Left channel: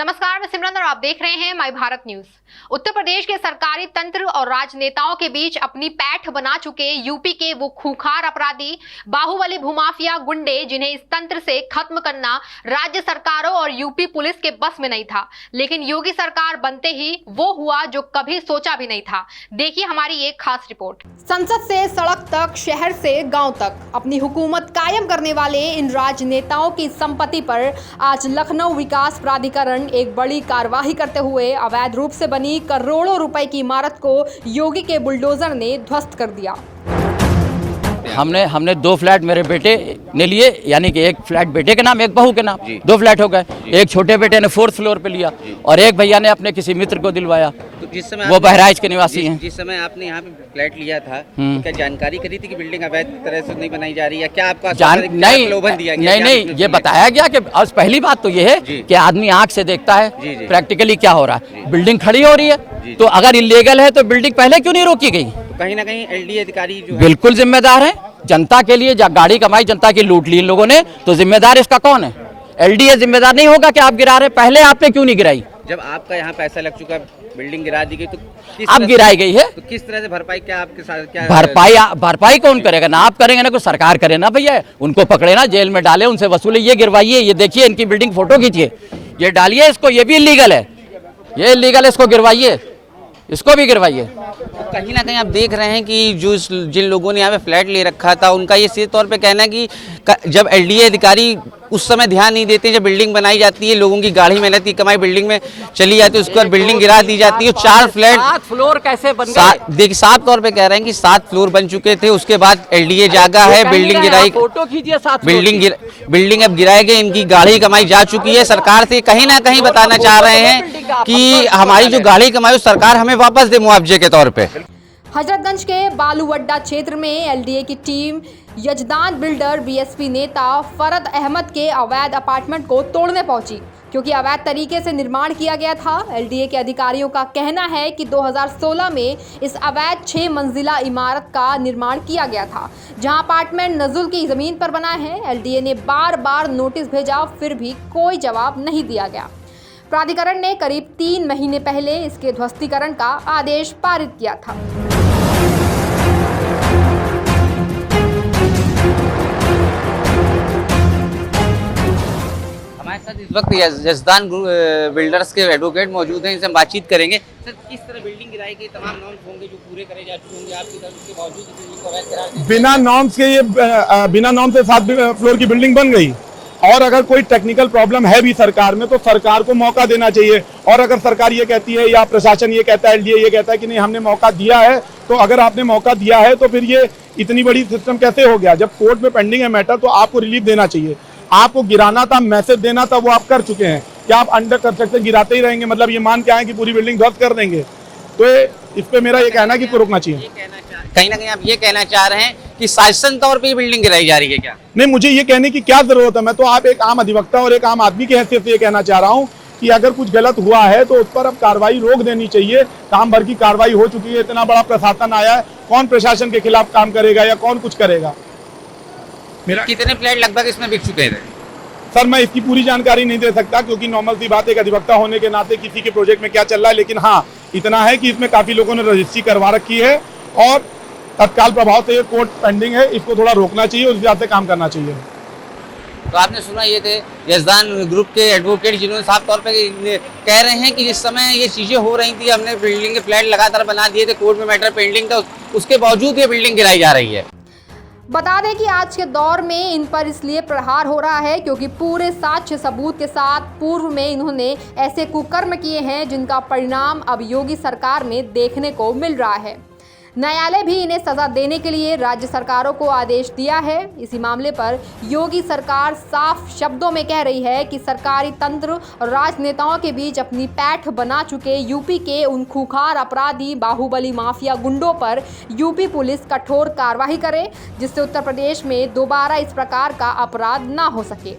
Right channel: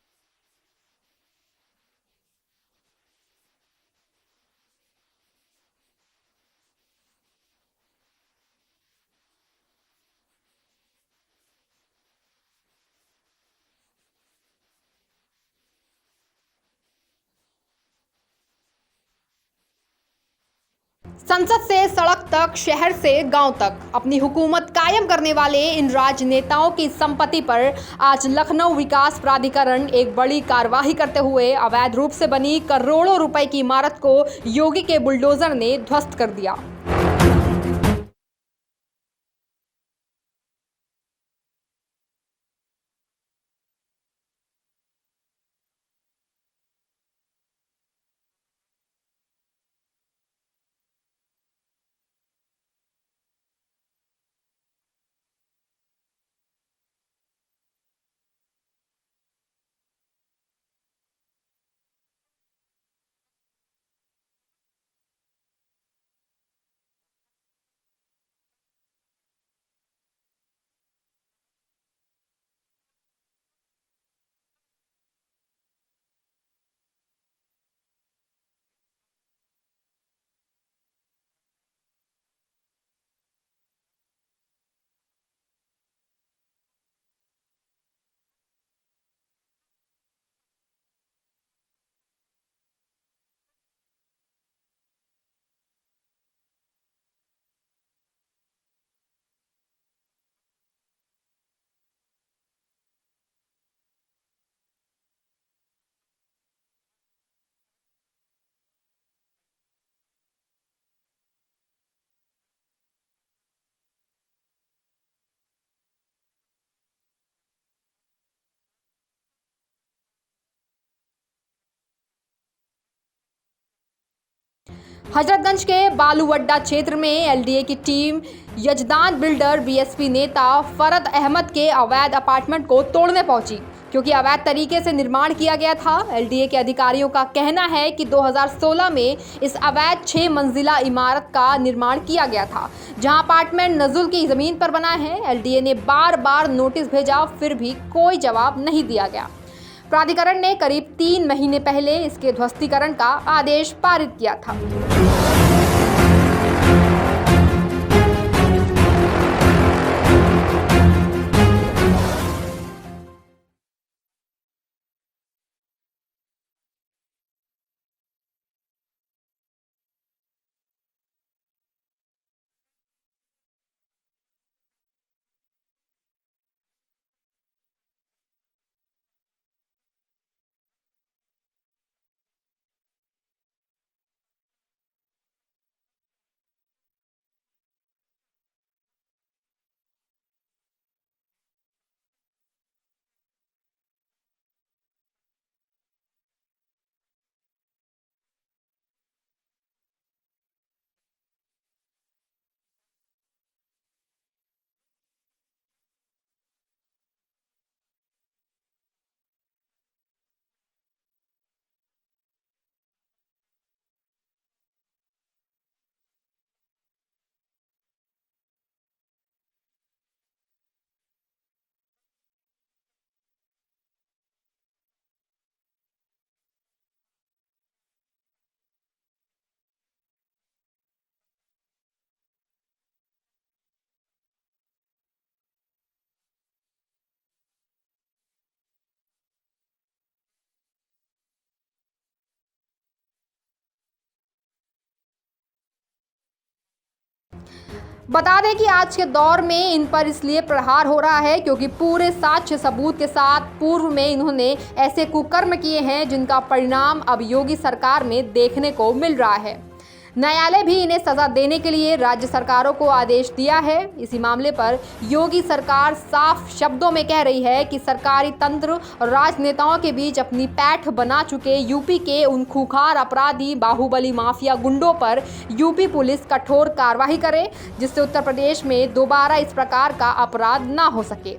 नमस्कार, मैं सिमरन और आप देख रहे हैं माय भारत न्यूज। उत्तर प्रदेश के सरकारी तंत्र और राजनेताओं के बीच अपनी पैठ बना चुके यूपी के वो खूंखार अपराधी बाहुबली भूमाफिया गुंडे, जिन्हें इस तंत्र से खत्म करना राज्य सरकारों और यूपी पुलिस के बस में नहीं था, लेकिन योगी सरकार बनते ही वो हुआ जो कभी सोचा भी नहीं था। देखिए हमारी एक खास रिपोर्ट। संसद से सड़क तक, शहर से गांव तक अपनी हुकूमत कायम करने वाले इन राजनेताओं की संपत्ति पर आज लखनऊ विकास प्राधिकरण एक बड़ी कार्रवाई करते हुए अवैध रूप से बनी करोड़ों रुपए की इमारत को योगी के बुलडोजर ने ध्वस्त कर दिया। हमने 2 फ्लैट मेरे बेटे ने लिए, यानी कि एक फ्लैट बेटे के नाम, एक बहू के नाम, 2 फ्लैट हो गए। एक छोटे बेटे ने 4th फ्लोर पे लिया और एक भैया ने अपने किसी मित्र को दिलवाया। तो जिस समय वो बहराइच के निवासी हैं। जिस समय आपने यहाँ पे फ्लैट लिया था, तो क्या जानकारी करी थी कि बिल्डिंग अवैध तरह से नहीं बनाई जा रही है? क्या आपका प्रलोभन दिया गया? नहीं, ये बताया गया कि आज पहली बात तो ये है कि आदमी आंख से देखता है प्रैक्टिकली क्या हो रहा है। बिल्डिंग खड़ी हो रही है, तो अगर इलीगल है तो बिल्डिंग पहले क्यों नहीं रोकी गई? कहीं ना कहीं एलडीए अधिकारी जो बिल्कुल जिम्मेदार है। जनता के लिए गाड़ी कमाई, जनता की लूट ली इन लोगों ने, तो जिम्मेदार इसका कौन है? एलडीए जिम्मेदार नहीं होगा कि आप गिरा रहे, पहले आपने क्यों नहीं गिराई? जब आपका यहाँ पैसा लग चुका, बिल्डिंग गिरा दी गई, तो अब गिराई गई है, तो किस तरह से भरपाई, क्या आपके साथ क्या भरपाई कौन करेगा? ना आप करेंगे ना कोई सरकार करे ना भैया। उनको पकड़े ना, जेल में डाले, उनसे वसूले, ये गिरवाइए, ये देखिए इनकी बिल्डिंग फोटो खींचिए, ये डालिए इसको, ये भी इलीगल है, ये इलीगल है, इसको गिरवाइए, इसको भी गिरवाइए। तो कहीं ना कहीं आप देख रहे हैं कि जिन लोगों ने यहाँ पे फ्लैट ले रखा था, उनका ये सीधे तौर पे कहना है कि जब एलडीए अधिकारी उस समय ध्यान नहीं देते, जब बिल्डिंग बनाई जाती है, लोगों की गाढ़ी मेहनत की कमाई बिल्डिंग में चली जाती है, उसके बाद बिल्डिंग गिरा दी जाती है। 4 फ्लैट, 7 फ्लोर कैसे बन गए? देखिए साफ तौर पे कह रहे हैं कि 7 फ्लोर बन चुके थे, उसके बाद एलडीए जागा है, बिल्डिंग गिराई, फोटो खींचिए, 7 बिल्डिंग अब गिराए गए, इनकी गाढ़ी कमाई जा चुकी है। सरकार से कहीं ना कहीं बताना चाह रहे हैं कि हमारी जो गाढ़ी कमाई सरकार हमें वापस दे मुआवजे के तौर पे। हजरतगंज के बालूअड्डा क्षेत्र में एलडीए की टीम यजदान बिल्डर बीएसपी नेता फरद अहमद के अवैध अपार्टमेंट को तोड़ने पहुंची, क्योंकि अवैध तरीके से निर्माण किया गया था। एलडीए के अधिकारियों का कहना है कि 2016 में इस अवैध 6 मंजिला इमारत का निर्माण किया गया था, जहां अपार्टमेंट नजुल की जमीन पर बना है। एलडीए ने बार बार नोटिस भेजा, फिर भी कोई जवाब नहीं दिया गया। प्राधिकरण ने करीब 3 महीने पहले इसके ध्वस्तीकरण का आदेश पारित किया था। इस वक्त यजदान बिल्डर्स के एडवोकेट मौजूद हैं, इनसे हम बातचीत करेंगे। सर, किस तरह बिल्डिंग गिराई गई? तमाम नॉर्म्स होंगे जो पूरे करे जा चुके होंगे आपकी तरफ के बावजूद बिल्डिंग को अवैध करार दिया? बिना नॉर्म्स के ये बिना नॉर्म से 7 फ्लोर की बिल्डिंग बन गई। और अगर कोई टेक्निकल प्रॉब्लम है भी सरकार में, तो सरकार को मौका देना चाहिए। और अगर सरकार ये कहती है या प्रशासन ये कहता है, एलडीए ये कहता है कि नहीं हमने मौका दिया है, तो अगर आपने मौका दिया है तो फिर ये इतनी बड़ी सिस्टम कैसे हो गया? जब कोर्ट में पेंडिंग है मैटर, तो आपको रिलीफ देना चाहिए। आपको गिराना था, मैसेज देना था, वो आप कर चुके हैं। क्या आप अंडर कंस्ट्रक्शन गिराते ही रहेंगे? मतलब ये मान के आए कि पूरी बिल्डिंग ध्वस्त कर देंगे? तो इस पे मेरा ये कहना है कि इसको रोकना चाहिए। कहीं ना कहीं आप ये कहना चाह रहे हैं कि शासन तौर पे बिल्डिंग गिराई जा रही है क्या? नहीं, मुझे ये कहने की क्या जरूरत है? मैं तो आप एक आम अधिवक्ता और एक आम आदमी की हैसियत से ये कहना चाह रहा हूँ कि अगर कुछ गलत हुआ है तो उस पर अब कार्रवाई रोक देनी चाहिए। काम भर की कार्रवाई हो चुकी है, इतना बड़ा प्रशासन आया है, कौन प्रशासन के खिलाफ काम करेगा या कौन कुछ करेगा? मेरा कितने फ्लैट लगभग इसमें बिक चुके थे? सर, मैं इसकी पूरी जानकारी नहीं दे सकता, क्योंकि नॉर्मल सी बात, एक अधिवक्ता होने के नाते किसी के प्रोजेक्ट में क्या चल रहा है। लेकिन हाँ, इतना है कि इसमें काफी लोगों ने रजिस्ट्री करवा रखी है और तत्काल प्रभाव से ये कोर्ट पेंडिंग है, इसको थोड़ा रोकना चाहिए, उस हिसाब से काम करना चाहिए। तो आपने सुना, ये थे यजदान ग्रुप के एडवोकेट, जिन्होंने साफ तौर पे कह रहे हैं कि जिस समय ये चीजें हो रही थी, हमने बिल्डिंग के फ्लैट लगातार बना दिए थे, कोर्ट में मैटर पेंडिंग था, उसके बावजूद ये बिल्डिंग गिराई जा रही है। बता दें कि आज के दौर में इन पर इसलिए प्रहार हो रहा है क्योंकि पूरे साक्ष्य सबूत के साथ पूर्व में इन्होंने ऐसे कुकर्म किए हैं जिनका परिणाम अब योगी सरकार में देखने को मिल रहा है। न्यायालय भी इन्हें सजा देने के लिए राज्य सरकारों को आदेश दिया है। इसी मामले पर योगी सरकार साफ शब्दों में कह रही है कि सरकारी तंत्र और राजनेताओं के बीच अपनी पैठ बना चुके यूपी के उन खूंखार अपराधी बाहुबली माफिया गुंडों पर यूपी पुलिस कठोर कार्रवाई करे, जिससे उत्तर प्रदेश में दोबारा इस प्रकार का अपराध ना हो सके।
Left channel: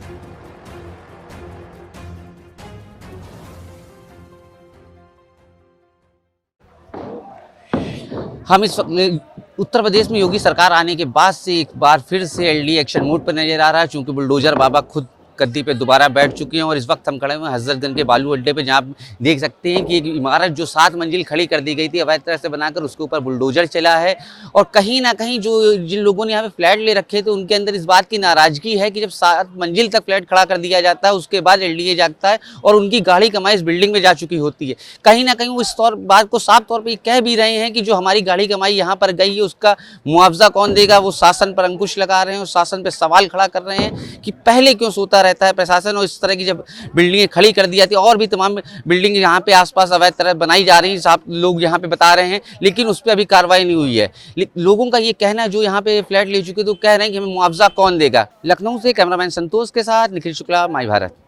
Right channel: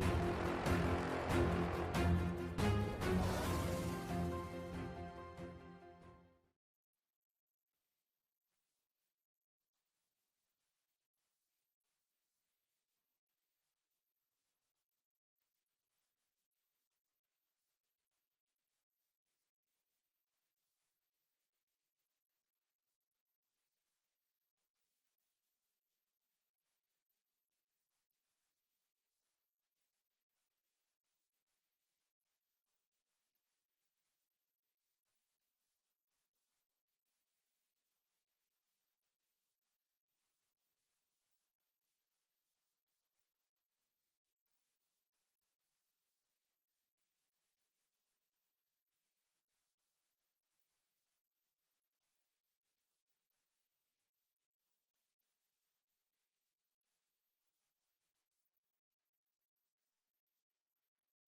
हम इस वक्त उत्तर प्रदेश में योगी सरकार आने के बाद से एक बार फिर से एलडीए एक्शन मोड पर नजर आ रहा है, चूंकि बुलडोजर बाबा खुद गद्दी पे दोबारा बैठ चुके हैं। और इस वक्त हम खड़े हुए हैं हजरतगंज के बालू अड्डे पे, जहाँ आप देख सकते हैं कि एक इमारत जो 7 मंजिल खड़ी कर दी गई थी अवैध तरह से बनाकर, उसके ऊपर बुलडोजर चला है। और कहीं ना कहीं जो जिन लोगों ने यहाँ पे फ्लैट ले रखे थे उनके अंदर इस बात की नाराजगी है कि जब 7 मंजिल तक फ्लैट खड़ा कर दिया जाता है उसके बाद LDA जागता है और उनकी गाढ़ी कमाई इस बिल्डिंग में जा चुकी होती है। कहीं ना कहीं वो इस बात को साफ तौर पर कह भी रहे हैं कि जो हमारी गाढ़ी कमाई यहाँ पर गई है उसका मुआवजा कौन देगा। वो शासन पर अंकुश लगा रहे हैं और शासन पर सवाल खड़ा कर रहे हैं कि पहले क्यों सोता रहता है प्रशासन। और इस तरह की जब बिल्डिंगें खड़ी कर दी जाती है और भी तमाम बिल्डिंग यहाँ पे आसपास अवैध तरह बनाई जा रही हैं, लोग यहाँ पे बता रहे हैं, लेकिन उस पर अभी कार्रवाई नहीं हुई है। लोगों का ये कहना है जो यहाँ पे फ्लैट ले चुके तो कह रहे हैं कि हमें मुआवजा कौन देगा। लखनऊ से कैमरामैन संतोष के साथ निखिल शुक्ला, माई भारत।